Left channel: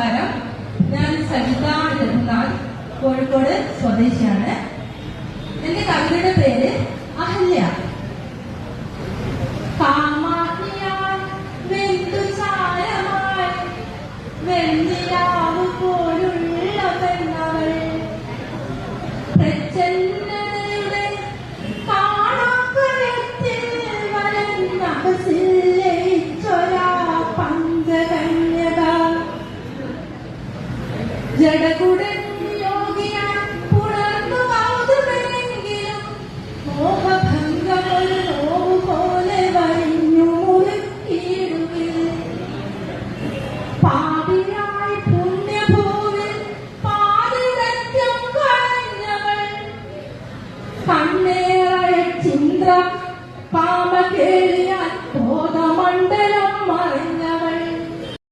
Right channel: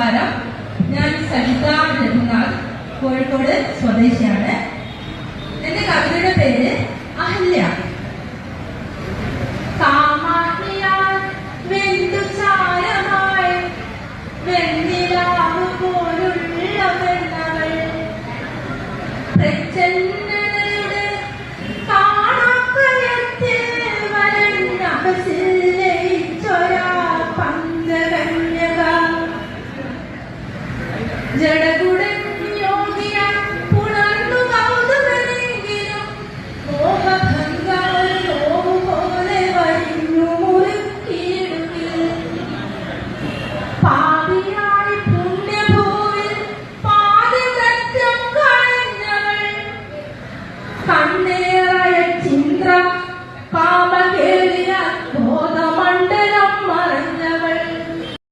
നമസ്കാരം. ഞാൻ സജിത രഘുനാഥ്, കോഴിക്കോട് സ്വദേശിയാണ്. എന്റെ കവിതയുടെ പേര് അഹല്യ. കാമാഗ്നിയാൽ വെന്തുചാരമായി വെണ്ണിലാവ് പോലുള്ള വെണ്ണവൾ പ്രച്ഛന്നതയുടെ കാണാക്കയത്തിൽ വരണ്ടകസിൽ ലയിച്ചൊരാ പഞ്ചകന്യക ജഡകുട